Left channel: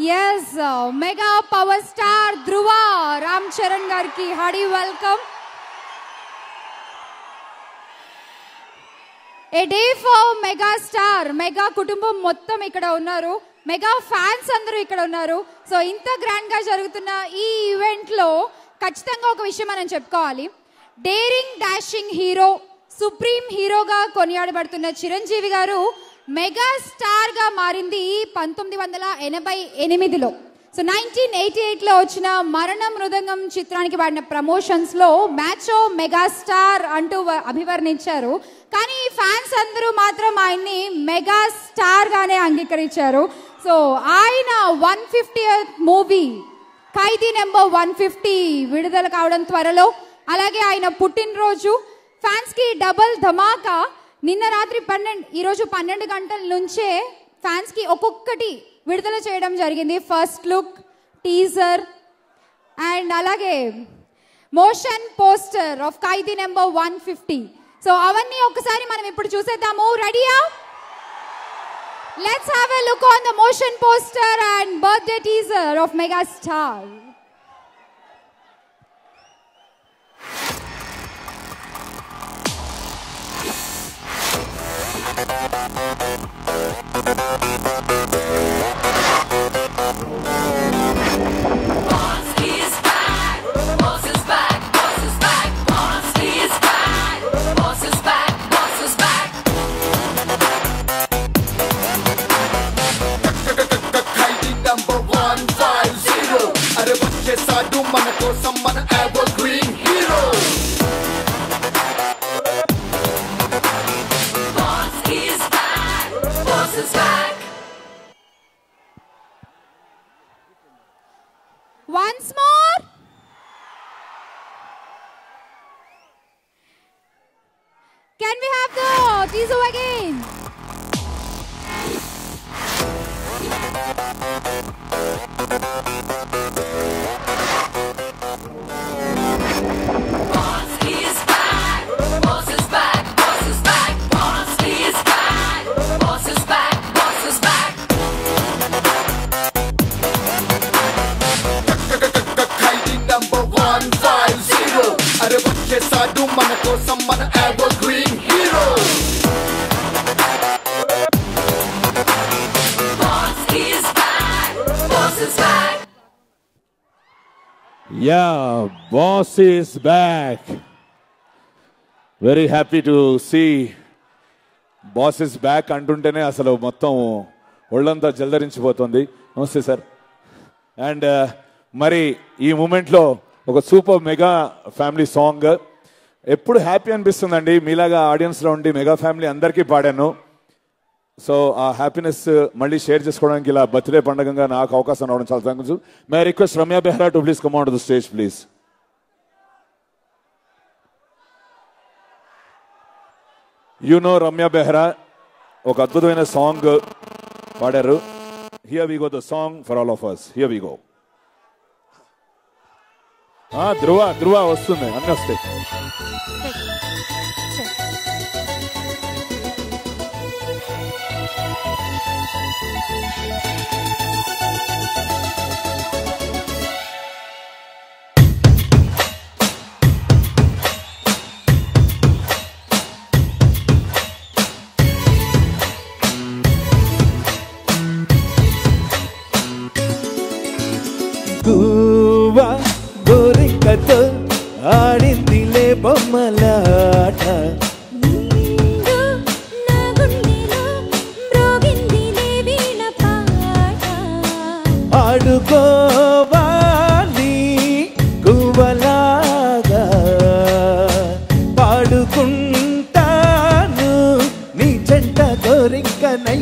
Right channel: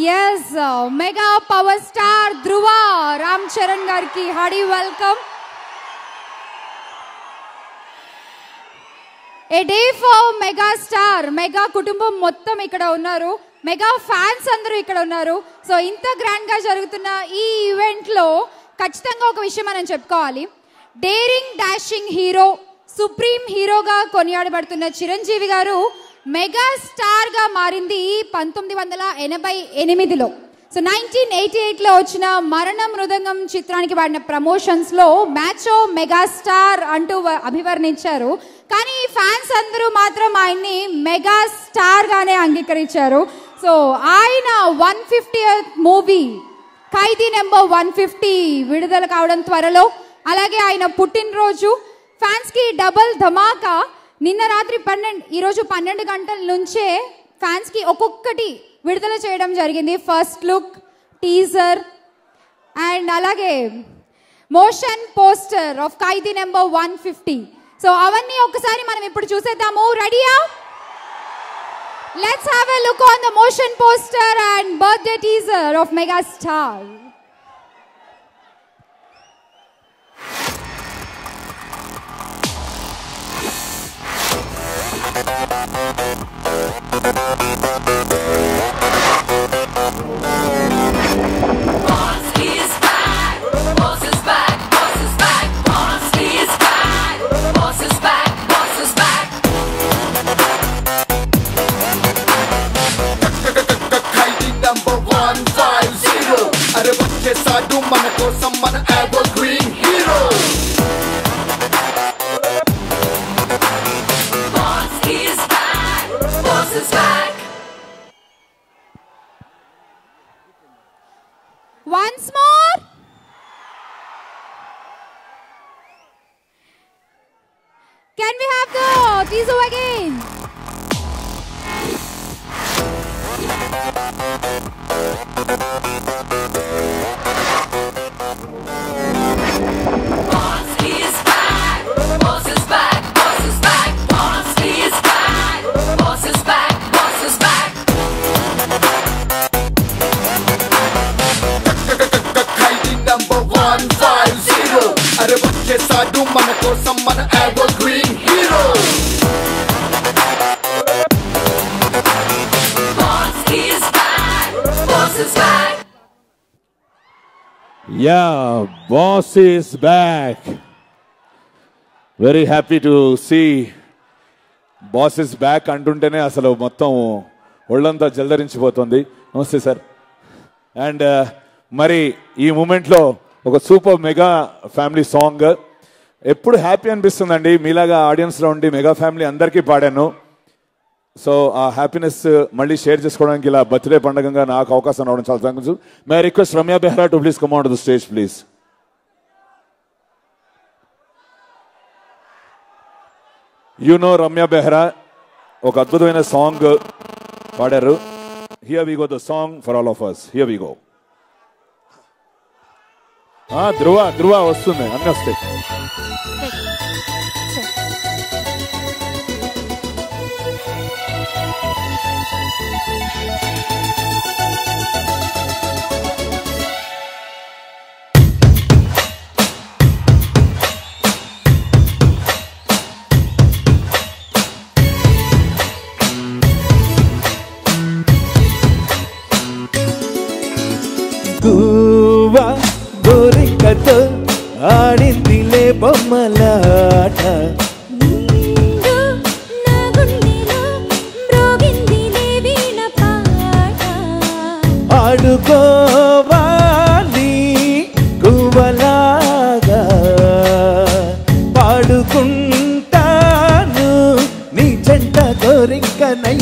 Yes, mega power star Dhruva Ram Charan gariki hearty welcome. A day for mega star, mega kutumbam mottam ikkada unnaru, mega fans andaru ikkada unnaru. So inta grand ga jarugutuna ee event lo ఖచ్చితంగా ఒక విషయం మనం చెప్పుకోవాలి. Daring dashing hero, supreme హీరోగా కొనియాడబడుతున్న చిరంజీవి గారు mega star గా మారింది 1988లో. So 1988 లో వచ్చిన మరణ మృదంగం చిత్రానికి వాడిన ప్రమోషన్స్ లో మ్యాచో మెగా స్టార్ అంటూ అభివర్ణించారు. కానీ ఫ్యాన్స్ అందరూ మాత్రం ఆయన్ని మెగా స్టార్ గానే అంగీకరించారు. సో ఆయన 150th మూవీ ఖైదీ నెంబర్ 150 విడుదల కావడం త్వరలో, అలాగే ఆయన పుట్టినరోజు ఫ్యాన్స్ కి డబుల్ ధమాకా. నిన్న రాత్రి ఈ రోజు 12 గంటల నుంచే ఫ్యాన్స్ కి ఒక్కొక్కటి విడుదల చేయడం జరిగింది. ఫస్ట్ లుక్, టీజర్ అండ్ అలాగే motion poster of Khaidi number 150. So అవన్నీ ఒకసారి మనం ఇప్పుడు చూసేద్దాము. రెడీయా? Let's have a look on the motion poster and birthday teaser of Megastar. Once more. Can we have the teaser again? Yeah, boss is back. Very happy to see boss is back అంటుంటేనే అసలు మొత్తం ఒళ్ళంతా జల్దరించిపోతుంది. నమస్తే sir. And మరి ఈ moment లో ఒక super mega family song ఎప్పుడు happy అనిపిస్తుందండి. మీలాగా ఆడియన్స్ లో ఉండి మెగా ఫ్యామిలీ అందరికీ పాడాను. సో ఆ హ్యాపీనెస్ మళ్ళీ షేర్ చేసుకోవడానికి ఇలా బర్త్డే పండుగగా నాకు అవకాశం రావడం చాలా thanks. My request Ramya Behera to please come on to the stage please. You know Ramya Behera ఒక అద్భుతమైన సాంగ్ పాడారు. Here we go the song for all of us. Here we go. Dhruva వస్తుంది అన్నీ వస్తాయి. గోరింకతో ఆడిందిలే బొమ్మలాట, ఆడుకోవాలి గువ్వలాగా పాడుకుంటాను నీ జంట గోరింకనై.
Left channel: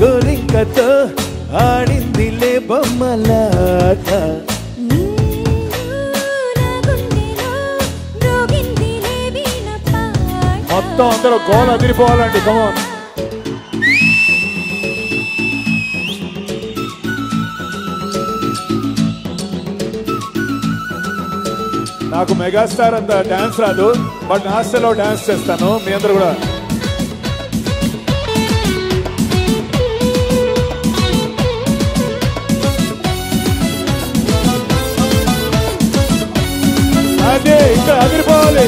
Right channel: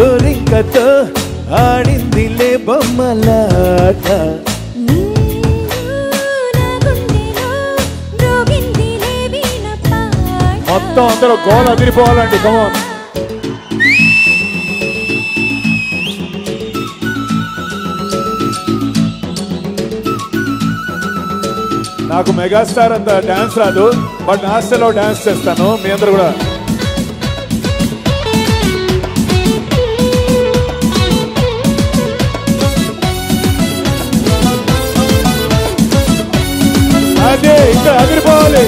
గోరింకతో ఆడిందిలే బొమ్మలాట, మొత్తం అందరూ గోల్ అదిరిపోవాలండి. కమాన్. నాకు మెగాస్టార్ అంత డాన్స్ రాదు, బట్ నాస్టలో డాన్స్ చేస్తాను. మీ అందరూ కూడా ఉంటే అదిరిపోవాలి.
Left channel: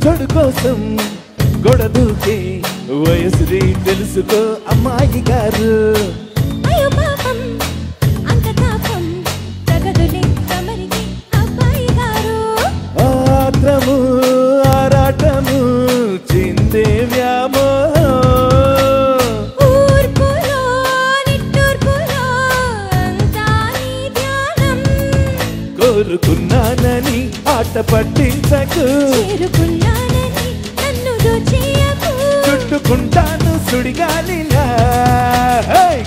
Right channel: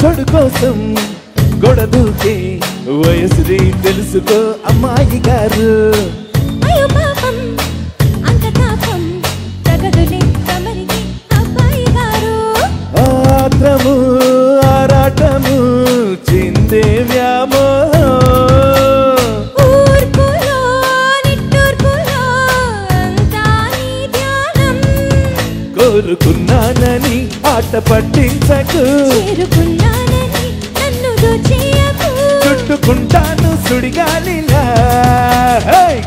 చోటు కోసం గొడదూకే వయసుని తెలుసుకో అమ్మాయి గారు. ఆత్రము ఆరాటము చిందే వ్యామోహం కోరుకున్నానని ఆట పట్టించకు చుట్టుకుంటాను సుడిగాలిలా.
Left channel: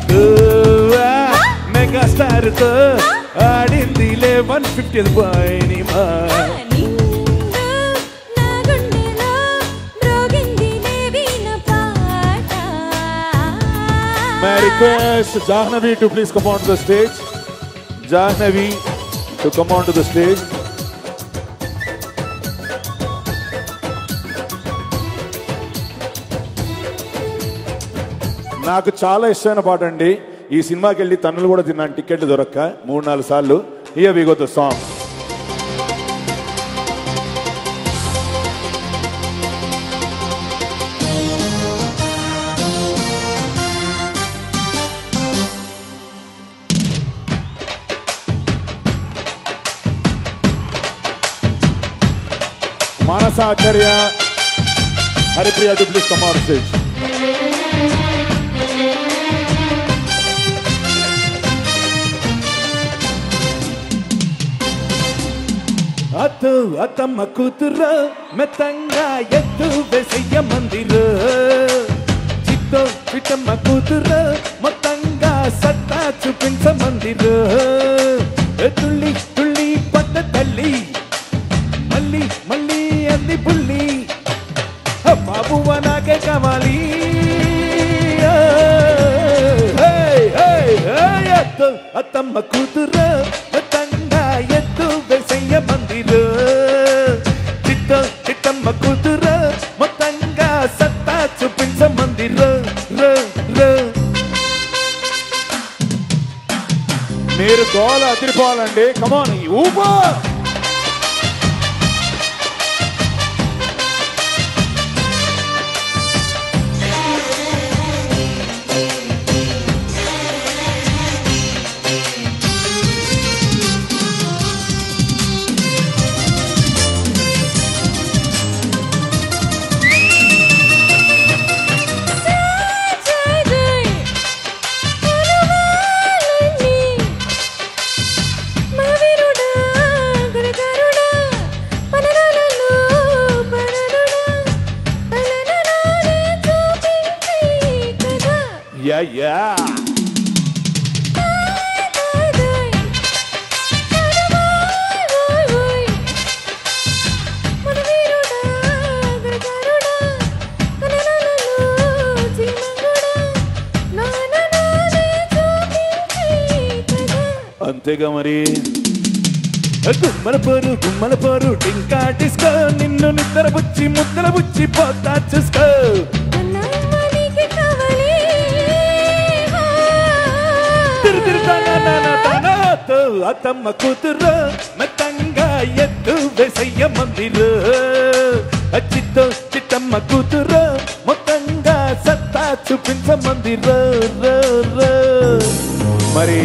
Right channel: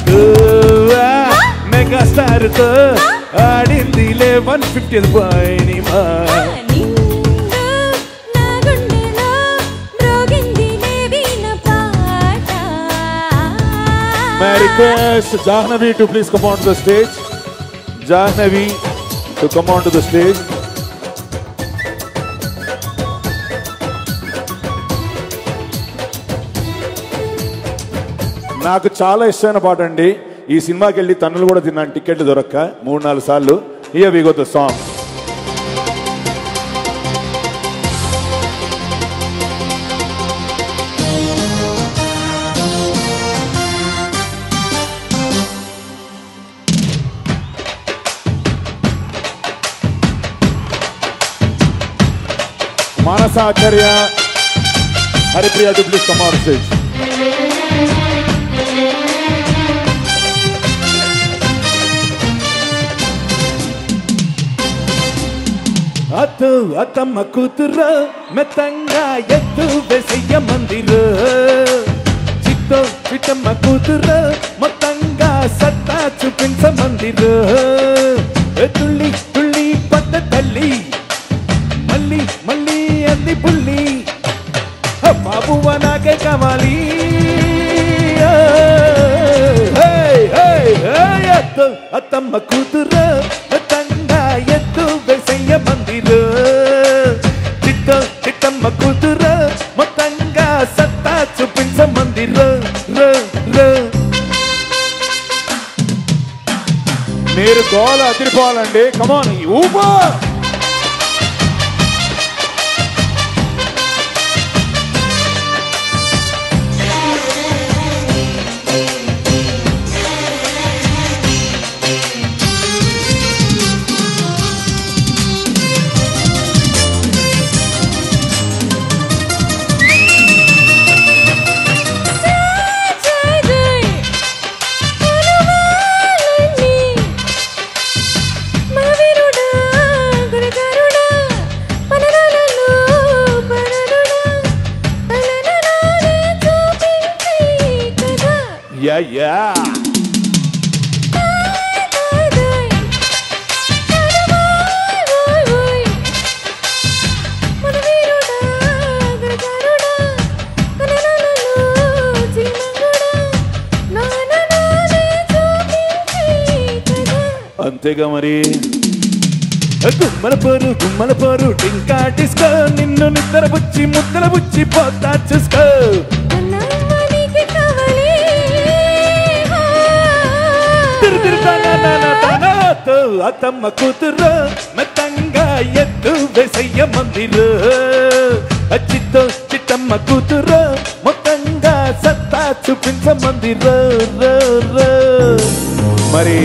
గోవా మెగాస్టార్ తో ఆడిందిలే 150th cinema. May I request Jahnavi to please come on to the stage. Jahnavi to come on to the stage. నాకు చాలా ఇష్టమైన పాట అండి. ఈ సినిమాకి వెళ్ళి తన్నులు కూడా తిన్నాను, టికెట్ దొరక్క 3-4 సార్లు. Here we go the song. Manasa Acharya, Haripriya, please come on stage. అతో అతమ్మ కూతురు మెత్తంగా ఎత్తు వేసయ్య మందిరు. చిత్తో చిట్టమ్మ కూతురు మొత్తంగా సత్తా చూపించ మందిరు. తుల్లి తుల్లి పద్ద తల్లి మళ్ళీ మళ్ళీ అంది పుల్లి బాబువ నాకే కావాలి. అత్తమ్మ కూతురు మొత్తంగా ఎత్తు వేసయ్య మందిరు. చిట్టో చిట్టమ్మ కూతురు మొత్తంగా సత్తా చూపించ మందిరు. మీరు గోల అదిరిపోవాలండి. కమాన్ ఊపా. Yeah, yeah. అంతేగా మరి. గుమ్మల పోరు టింకా డిస్కో నిన్ను నిద్ర వచ్చి ముద్ర వచ్చి పోతా చూసుకో. అతమ్మ కూతురు మెత్తంగా ఎత్తు వేసయ్య మందిరు. చిత్తో చిట్టమ్మ కూతురు మొత్తంగా సత్తా చూపించ మందిరు. మరి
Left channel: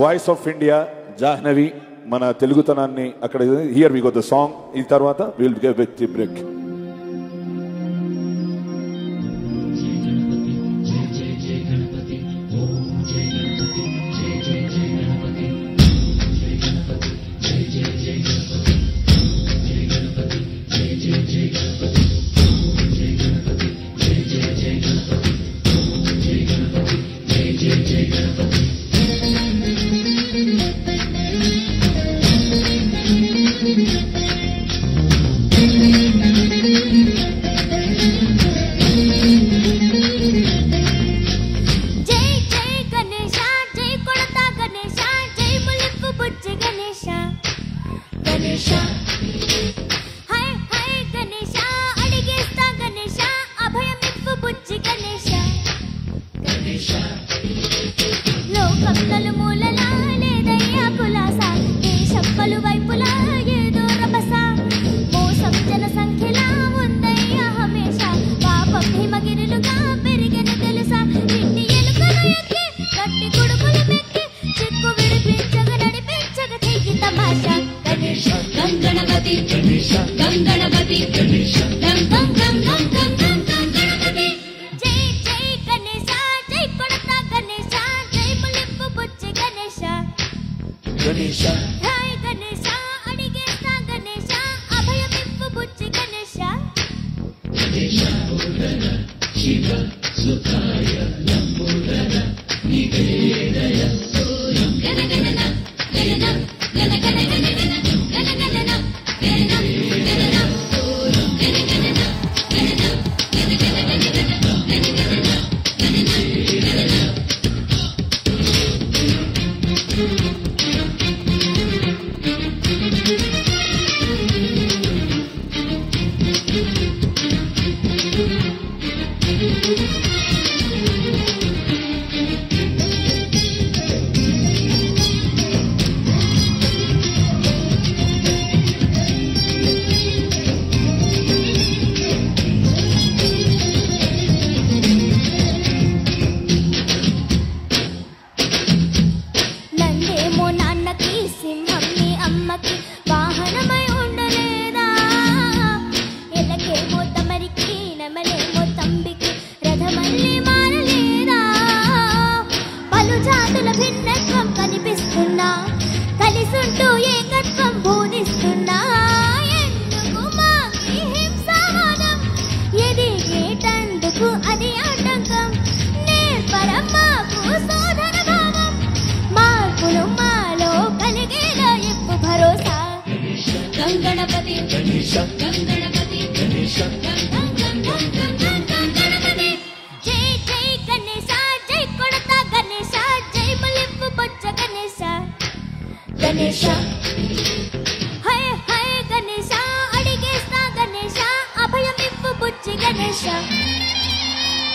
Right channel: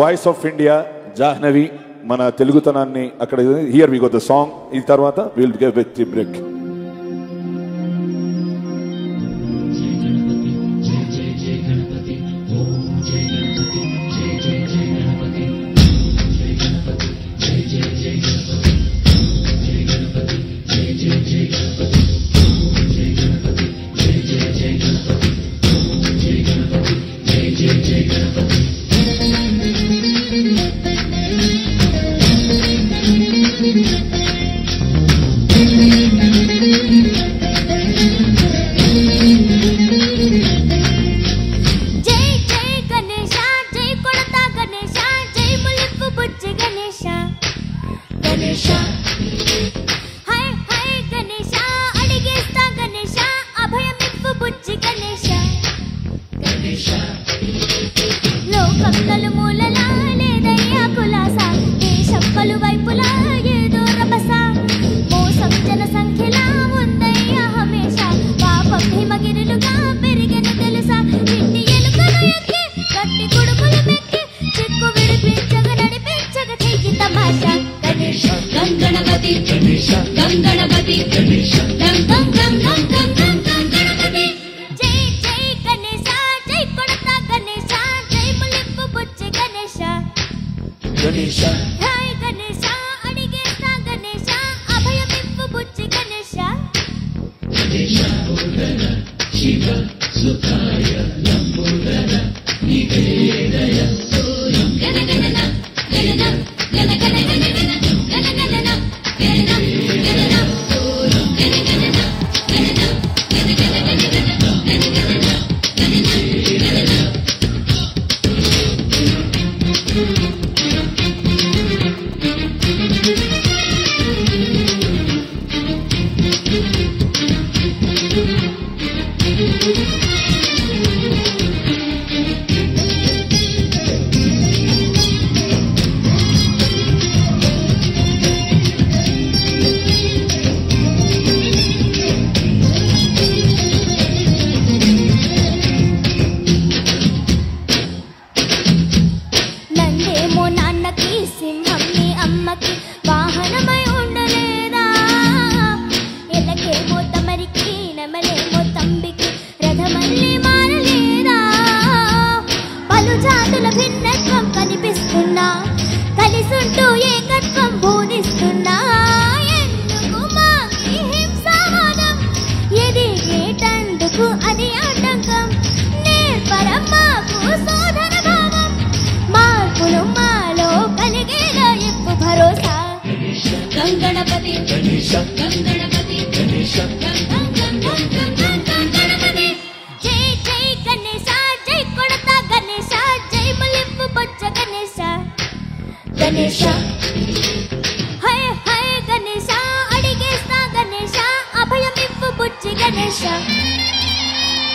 వాయిస్ ఆఫ్ ఇండియా జాహ్నవి మన తెలుగుతనాన్ని అక్కడ. Here we go the song. ఈ తర్వాత will give with the break. గం గణపతి గం గం గం గం గం గం గం గణపతి జై జై గణేశ జై కొడతా గణేశ జై ములింపు బొచ్చి గణేశ గణేశ జై గణేశ అడిగేస్తా గణేశ అభయమింపు బొచ్చి గణేశ గణేశ పూరణ శివ సుతాయ నంబూరణ నివేదయ గణ గణ గణ గణ గణ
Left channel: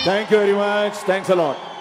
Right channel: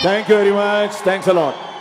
Thank you very much. Thanks a lot.